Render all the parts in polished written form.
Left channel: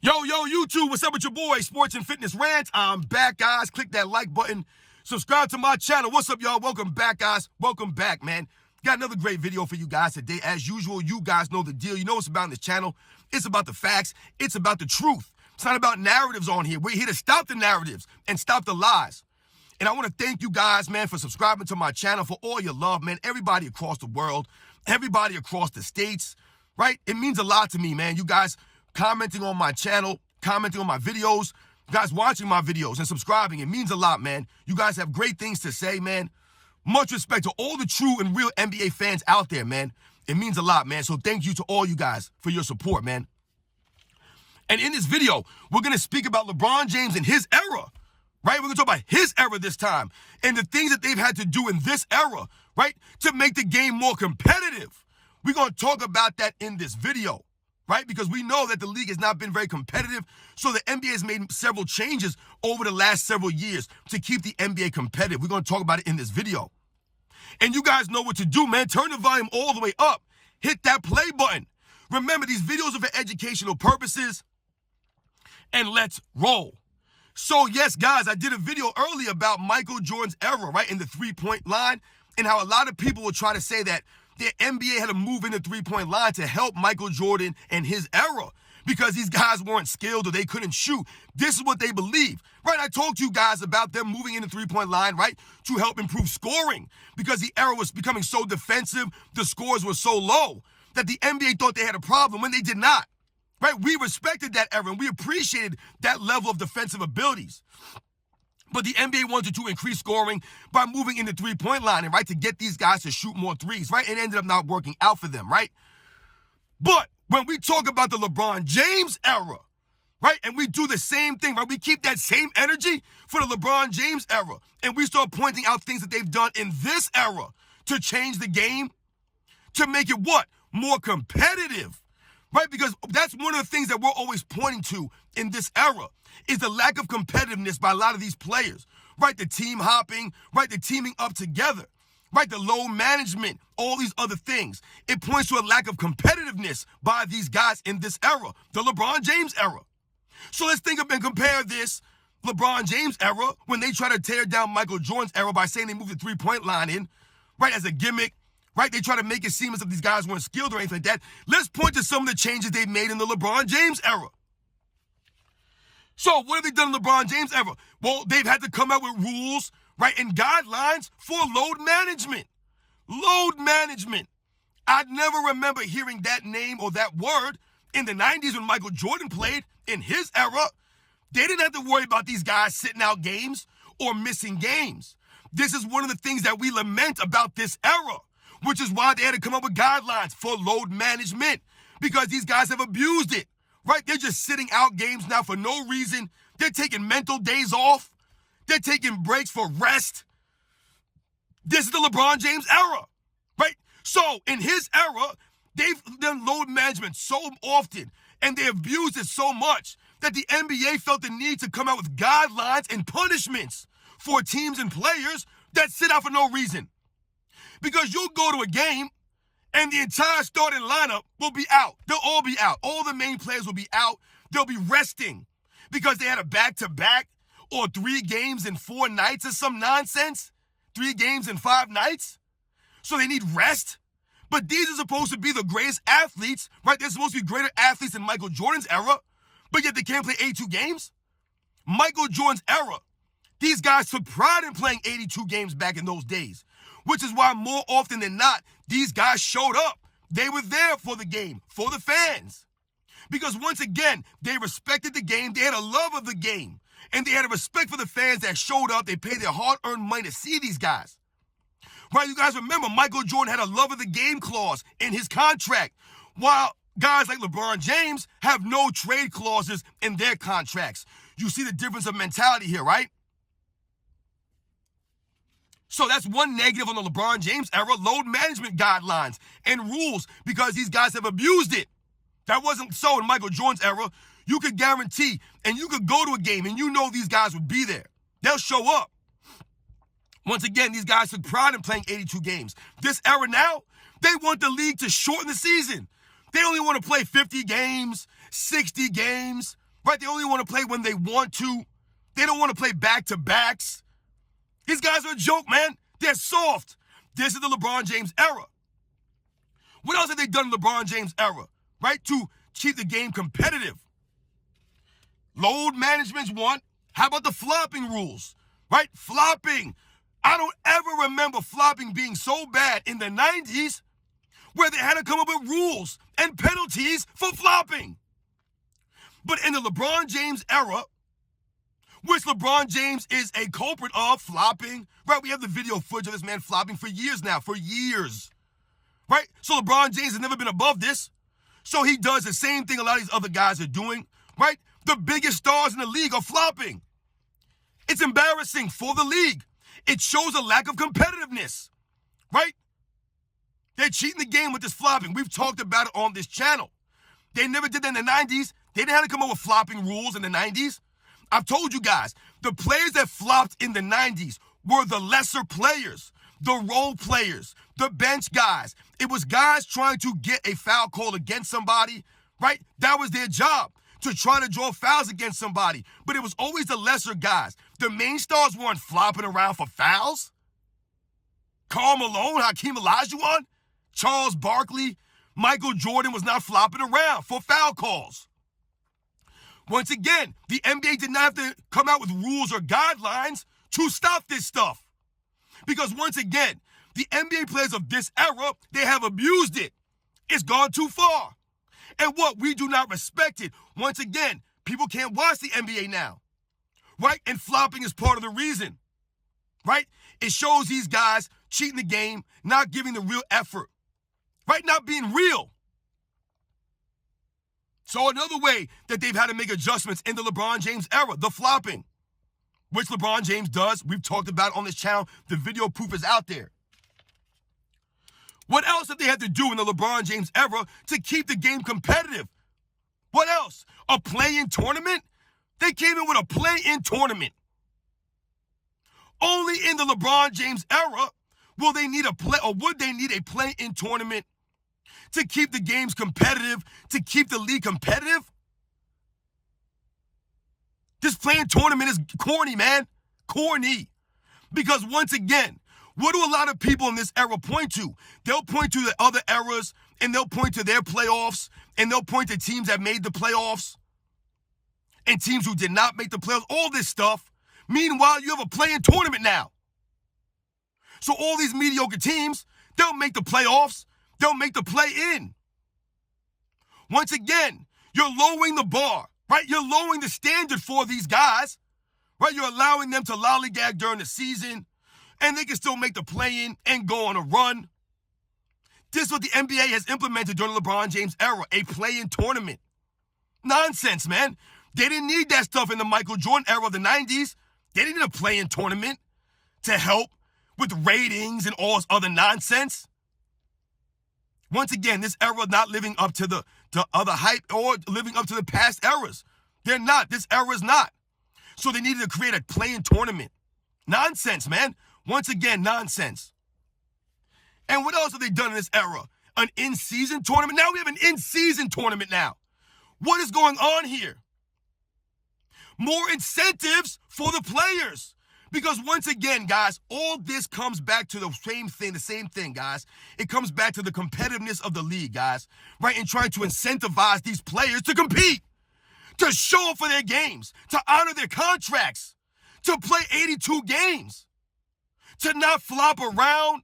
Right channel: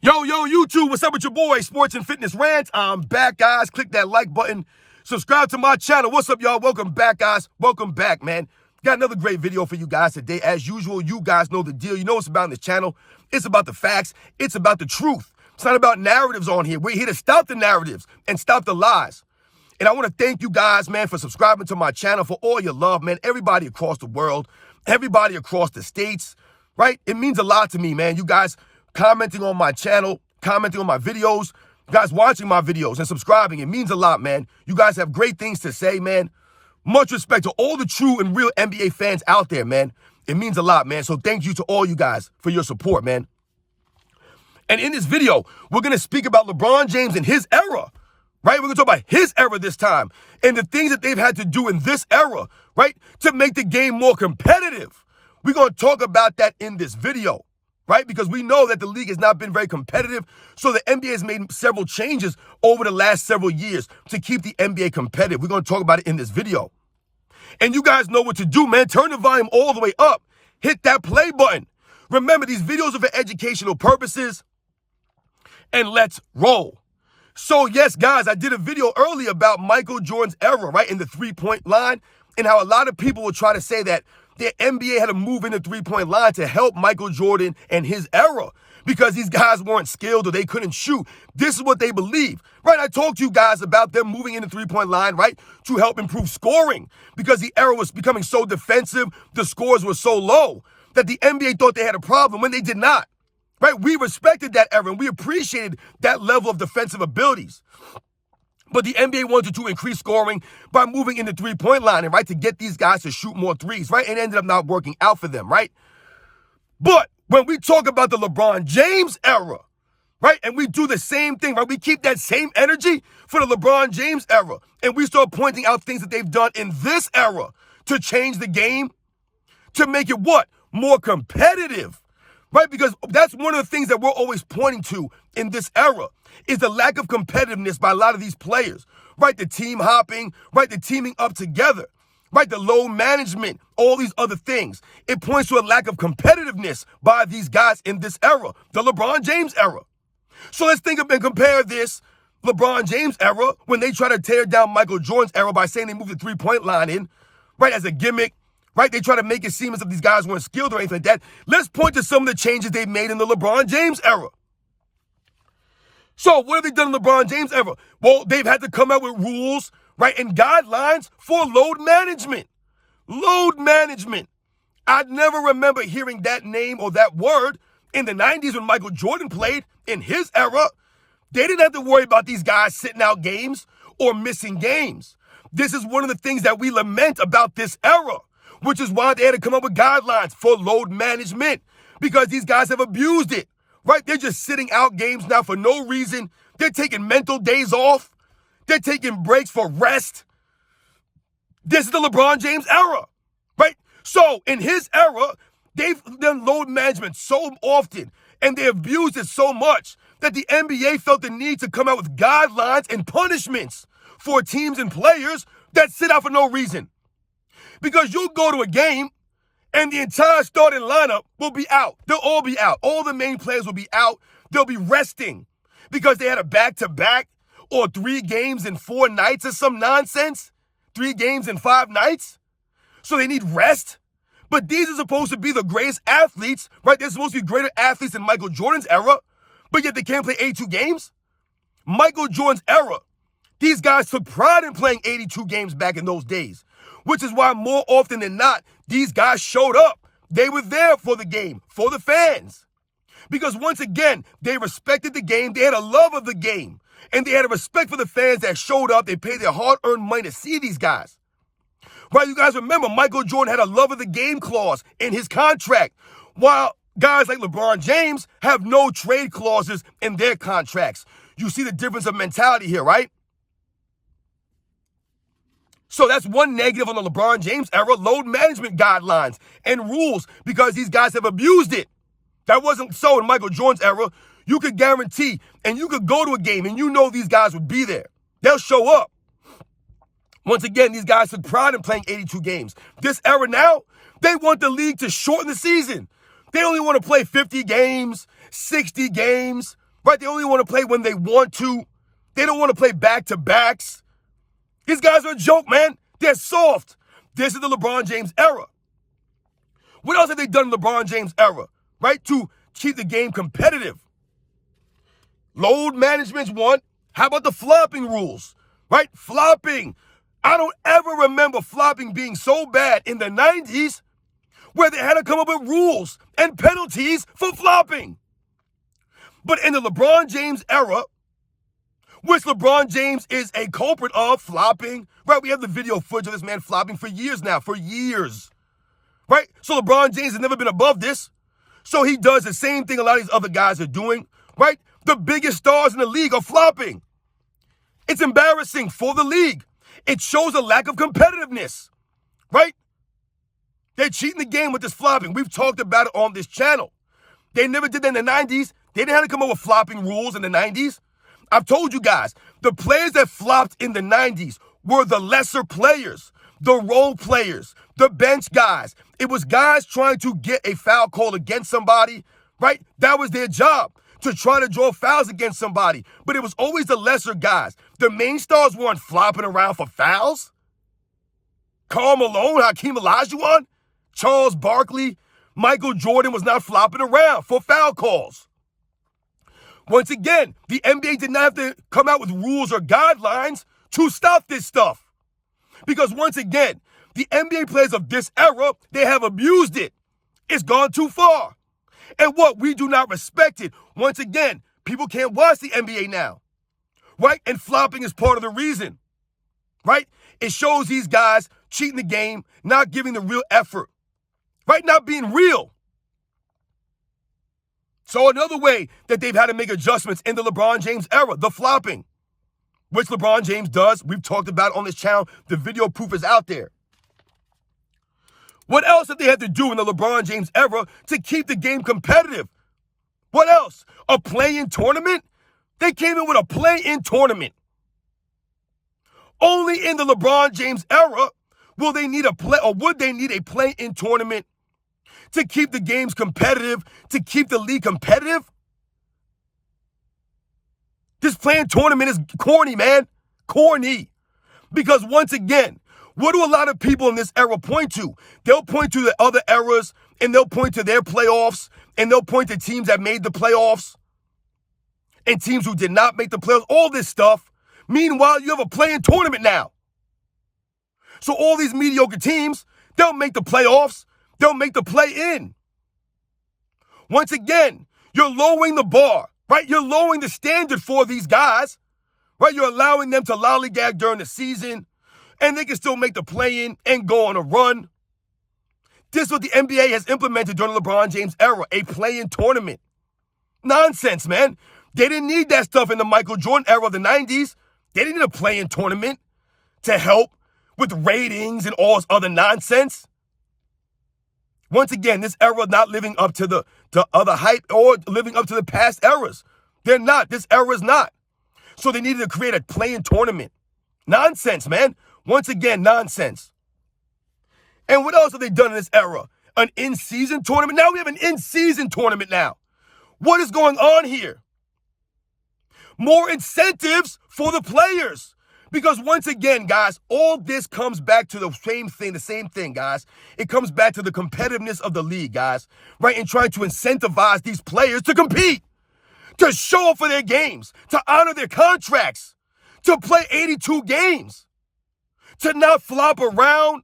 Yo, YouTube, what's up with your boy, Sports and Fitness Rant? I'm back, guys. Click that like button. Subscribe to my channel. What's up, y'all? Welcome back, guys. Welcome back, man. Got another great video for you guys today. As usual, you guys know the deal. You know what's about in this channel. It's about the facts. It's about the truth. It's not about narratives on here. We're here to stop the narratives and stop the lies. And I want to thank you guys, man, for subscribing to my channel, for all your love, man. Everybody across the world, everybody across the states, right? It means a lot to me, man. You guys commenting on my channel, commenting on my videos, you guys watching my videos and subscribing. It means a lot, man. You guys have great things to say, man. Much respect to all the true and real NBA fans out there, man. It means a lot, man. So thank you to all you guys for your support, man. And in this video, we're going to speak about LeBron James and his era, right? We're going to talk about his era this time and the things that they've had to do in this era, right, to make the game more competitive. We're going to talk about that in this video, right? Because we know that the league has not been very competitive. So the NBA has made several changes over the last several years to keep the NBA competitive. We're going to talk about it in this video. And you guys know what to do, man. Turn the volume all the way up. Hit that play button. Remember, these videos are for educational purposes. And let's roll. So yes, guys, I did a video earlier about Michael Jordan's era, right, in the three-point line, and how a lot of people will try to say that the NBA had to move in the three-point line to help Michael Jordan and his era because these guys weren't skilled or they couldn't shoot. This is what they believe, right? I talked to you guys about them moving in the three-point line, right, to help improve scoring because the era was becoming so defensive, the scores were so low that the NBA thought they had a problem when they did not, right? We respected that era and we appreciated that level of defensive abilities. But the NBA wanted to increase scoring by moving in the three-point line, and right, to get these guys to shoot more threes, right? It ended up not working out for them, right? But when we talk about the LeBron James era, right, and we do the same thing, right? We keep that same energy for the LeBron James era, and we start pointing out things that they've done in this era to change the game, to make it what? More competitive. Right? Because that's one of the things that we're always pointing to in this era is the lack of competitiveness by a lot of these players, right? The team hopping, right? The teaming up together, right? The load management, all these other things. It points to a lack of competitiveness by these guys in this era, the LeBron James era. So let's think of and compare this LeBron James era when they try to tear down Michael Jordan's era by saying they moved the three-point line in, right, as a gimmick. Right? They try to make it seem as if these guys weren't skilled or anything like that. Let's point to some of the changes they've made in the LeBron James era. So what have they done in the LeBron James era? Well, they've had to come out with rules, right, and guidelines for load management. Load management. I never remember hearing that name or that word in the 90s when Michael Jordan played in his era. They didn't have to worry about these guys sitting out games or missing games. This is one of the things that we lament about this era, which is why they had to come up with guidelines for load management because these guys have abused it, right? They're just sitting out games now for no reason. They're taking mental days off. They're taking breaks for rest. This is the LeBron James era, right? So in his era, they've done load management so often and they abused it so much that the NBA felt the need to come out with guidelines and punishments for teams and players that sit out for no reason. Because you'll go to a game and the entire starting lineup will be out. They'll all be out. All the main players will be out. They'll be resting because they had a back-to-back or 3 games in 4 nights or some nonsense. 3 games in 5 nights. So they need rest. But these are supposed to be the greatest athletes, right? They're supposed to be greater athletes than Michael Jordan's era, but yet they can't play 82 games. Michael Jordan's era, these guys took pride in playing 82 games back in those days. Which is why more often than not, these guys showed up. They were there for the game, for the fans. Because once again, they respected the game. They had a love of the game. And they had a respect for the fans that showed up. They paid their hard-earned money to see these guys. Right, you guys remember, Michael Jordan had a love of the game clause in his contract, while guys like LeBron James have no trade clauses in their contracts. You see the difference of mentality here, right? So that's one negative on the LeBron James era, load management guidelines and rules, because these guys have abused it. That wasn't so in Michael Jordan's era. You could guarantee, and you could go to a game, and you know these guys would be there. They'll show up. Once again, these guys took pride in playing 82 games. This era now, they want the league to shorten the season. They only want to play 50 games, 60 games, right? They only want to play when they want to. They don't want to play back-to-backs. These guys are a joke, man. They're soft. This is the LeBron James era. What else have they done in LeBron James era, right, to keep the game competitive? Load management's one. How about the flopping rules, right? Flopping. I don't ever remember flopping being so bad in the 90s where they had to come up with rules and penalties for flopping. But in the LeBron James era, which LeBron James is a culprit of flopping, right? We have the video footage of this man flopping for years now, right? So LeBron James has never been above this. So he does the same thing a lot of these other guys are doing, right? The biggest stars in the league are flopping. It's embarrassing for the league. It shows a lack of competitiveness, right? They're cheating the game with this flopping. We've talked about it on this channel. They never did that in the 90s. They didn't have to come up with flopping rules in the 90s. I've told you guys, the players that flopped in the 90s were the lesser players, the role players, the bench guys. It was guys trying to get a foul call against somebody, right? That was their job, to try to draw fouls against somebody. But it was always the lesser guys. The main stars weren't flopping around for fouls. Karl Malone, Hakeem Olajuwon, Charles Barkley, Michael Jordan was not flopping around for foul calls. Once again, the NBA did not have to come out with rules or guidelines to stop this stuff. Because once again, the NBA players of this era, they have abused it. It's gone too far. And what? We do not respect it. Once again, people can't watch the NBA now, right? And flopping is part of the reason, right? It shows these guys cheating the game, not giving the real effort, right? Not being real. So another way that they've had to make adjustments in the LeBron James era, the flopping, which LeBron James does. We've talked about on this channel. The video proof is out there. What else have they had to do in the LeBron James era to keep the game competitive? What else? A play-in tournament? They came in with a play-in tournament. Only in the LeBron James era would they need a play-in tournament to keep the games competitive, to keep the league competitive? This play-in tournament is corny, man. Corny. Because once again, what do a lot of people in this era point to? They'll point to the other eras, and they'll point to their playoffs, and they'll point to teams that made the playoffs, and teams who did not make the playoffs, all this stuff. Meanwhile, you have a play-in tournament now. So all these mediocre teams, they'll make the playoffs, they'll make the play-in. Once again, you're lowering the bar, right? You're lowering the standard for these guys, right? You're allowing them to lollygag during the season, and they can still make the play-in and go on a run. This is what the NBA has implemented during the LeBron James era, a play-in tournament. Nonsense, man. They didn't need that stuff in the Michael Jordan era of the 90s. They didn't need a play-in tournament to help with ratings and all this other nonsense. Once again, this era not living up to the other hype or living up to the past eras. They're not. This era is not. So they needed to create a play-in tournament. Nonsense, man. Once again, nonsense. And what else have they done in this era? An in-season tournament? Now we have an in-season tournament now. What is going on here? More incentives for the players. Because once again, guys, all this comes back to the same thing, guys. It comes back to the competitiveness of the league, guys, right? And trying to incentivize these players to compete, to show up for their games, to honor their contracts, to play 82 games, to not flop around.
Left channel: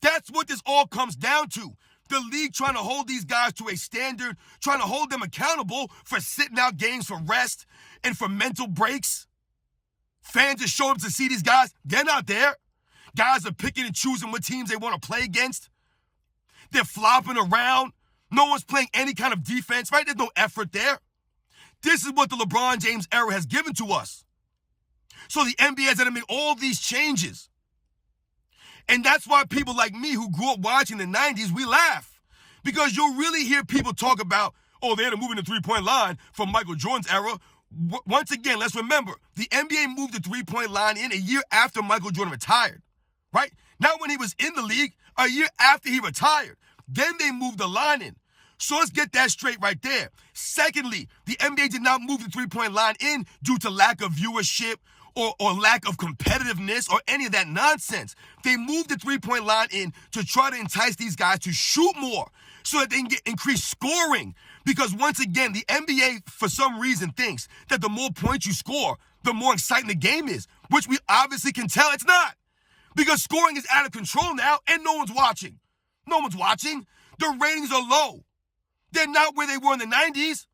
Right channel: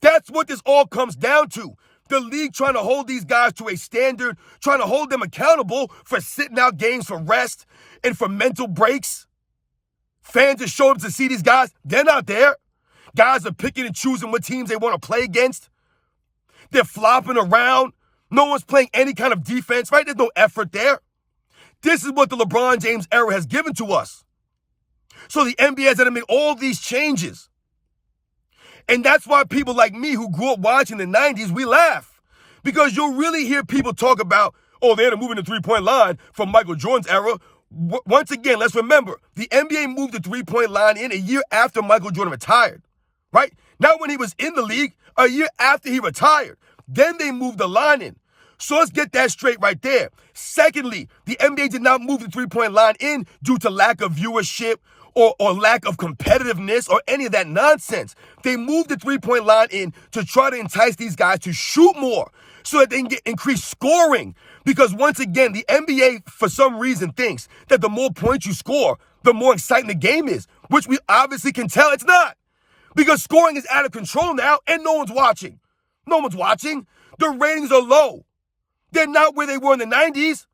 That's what this all comes down to. The league trying to hold these guys to a standard, trying to hold them accountable for sitting out games for rest and for mental breaks. Fans just show up to see these guys. They're not there. Guys are picking and choosing what teams they want to play against. They're flopping around. No one's playing any kind of defense, right? There's no effort there. This is what the LeBron James era has given to us. So the NBA has had to make all these changes. And that's why people like me who grew up watching the 90s, we laugh. Because you'll really hear people talk about, oh, they had to move in the three-point line from Michael Jordan's era. Once again, let's remember, the NBA moved the three-point line in a year after Michael Jordan retired, right? Not when he was in the league, a year after he retired. Then they moved the line in. So let's get that straight right there. Secondly, the NBA did not move the three-point line in due to lack of viewership or lack of competitiveness or any of that nonsense. They moved the three-point line in to try to entice these guys to shoot more so that they can get increased scoring. Because once again, the NBA, for some reason, thinks that the more points you score, the more exciting the game is, which we obviously can tell it's not. Because scoring is out of control now and no one's watching. No one's watching. The ratings are low. They're not where they were in the 90s.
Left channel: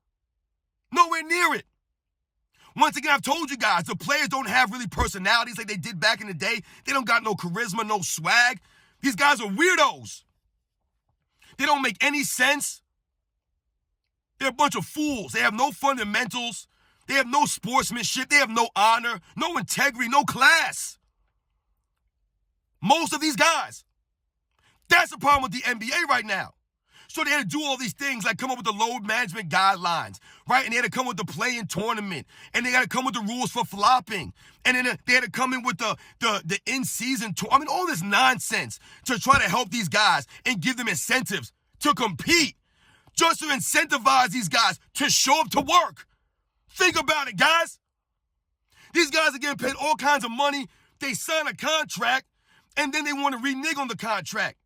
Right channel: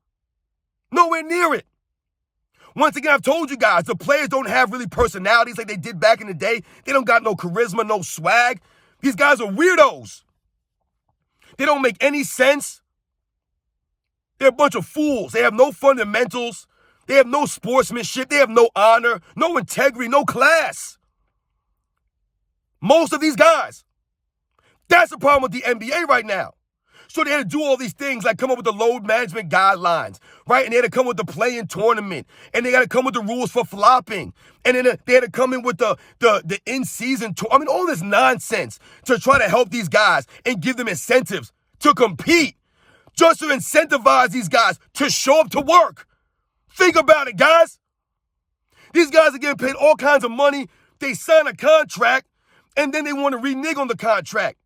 Nowhere near it. Once again, I've told you guys, the players don't have really personalities like they did back in the day. They don't got no charisma, no swag. These guys are weirdos. They don't make any sense. They're a bunch of fools. They have no fundamentals. They have no sportsmanship. They have no honor, no integrity, no class. Most of these guys. That's the problem with the NBA right now. So they had to do all these things like come up with the load management guidelines, right? And they had to come with the play-in tournament. And they got to come with the rules for flopping. And then they had to come in with the in-season tour. I mean, all this nonsense to try to help these guys and give them incentives to compete. Just to incentivize these guys to show up to work. Think about it, guys. These guys are getting paid all kinds of money. They sign a contract, and then they want to renege on the contract.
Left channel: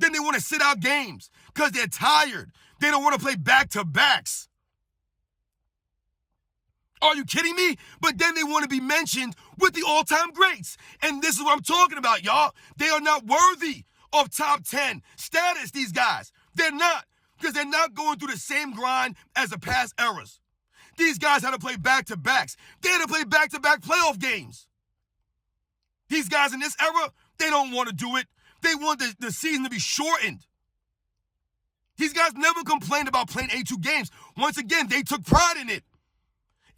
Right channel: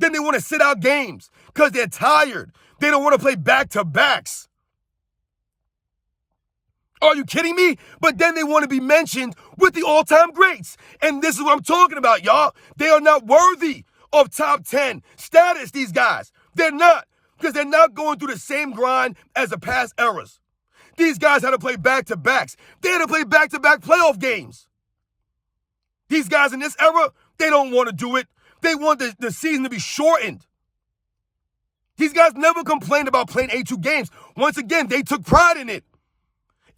Then they want to sit out games because they're tired. They don't want to play back-to-backs. Are you kidding me? But then they want to be mentioned with the all-time greats. And this is what I'm talking about, y'all. They are not worthy of top 10 status, these guys. They're not, because they're not going through the same grind as the past eras. These guys had to play back-to-backs. They had to play back-to-back playoff games. These guys in this era, they don't want to do it. They want the season to be shortened. These guys never complained about playing 82 games. Once again, they took pride in it.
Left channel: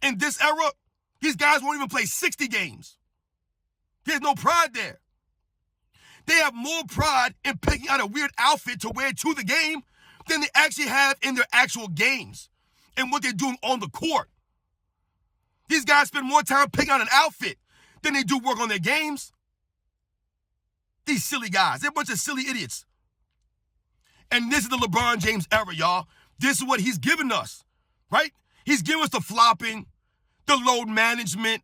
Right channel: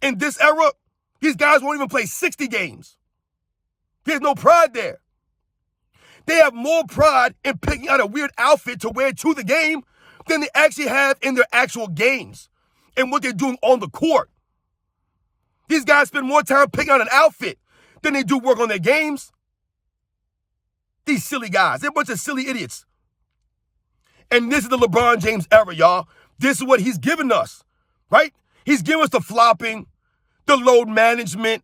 In this era, these guys won't even play 60 games. There's no pride there. They have more pride in picking out a weird outfit to wear to the game than they actually have in their actual games and what they're doing on the court. These guys spend more time picking out an outfit than they do work on their games. These silly guys, they're a bunch of silly idiots. And this is the LeBron James era, y'all. This is what he's given us, right? He's given us the flopping, the load management,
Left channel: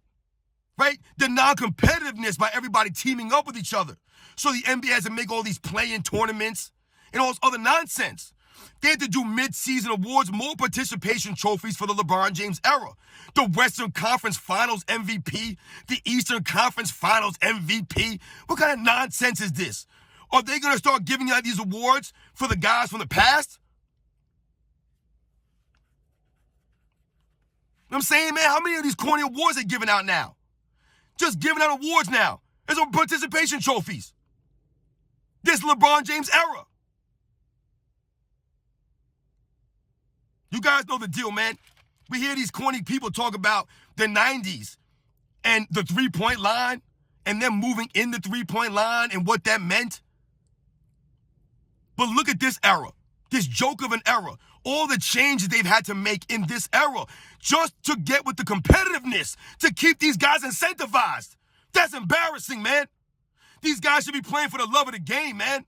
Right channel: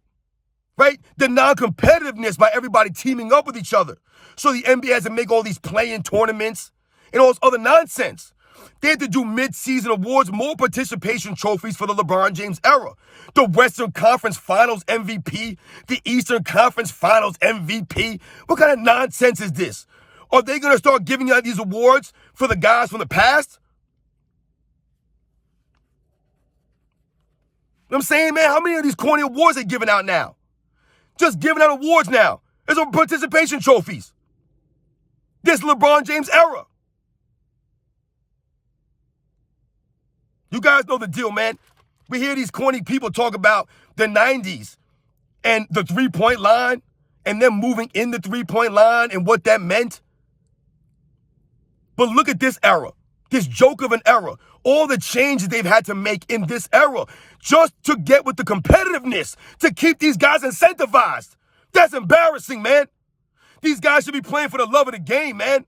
right? The non-competitiveness by everybody teaming up with each other. So the NBA has to make all these play-in tournaments and all this other nonsense. They had to do mid-season awards, more participation trophies for the LeBron James era. The Western Conference Finals MVP, the Eastern Conference Finals MVP. What kind of nonsense is this? Are they going to start giving out these awards for the guys from the past? You know what I'm saying, man? How many of these corny awards are they giving out now? Just giving out awards now. There's participation trophies. This LeBron James era. You guys know the deal, man. We hear these corny people talk about the 90s and the three-point line and them moving in the three-point line and what that meant. But look at this era, this joke of an era, all the changes they've had to make in this era just to get with the competitiveness, to keep these guys incentivized. That's embarrassing, man. These guys should be playing for the love of the game, man.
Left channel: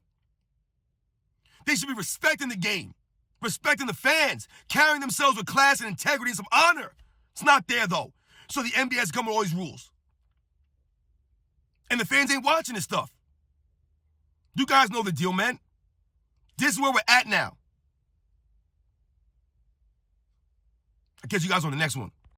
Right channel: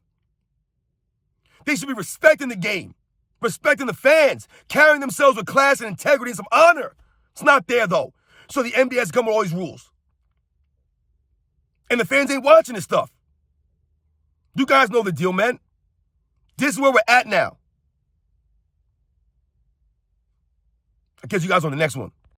They should be respecting the game. Respecting the fans, carrying themselves with class and integrity and some honor. It's not there, though. So the NBA has come with all these rules. And the fans ain't watching this stuff. You guys know the deal, man. This is where we're at now. I'll catch you guys on the next one.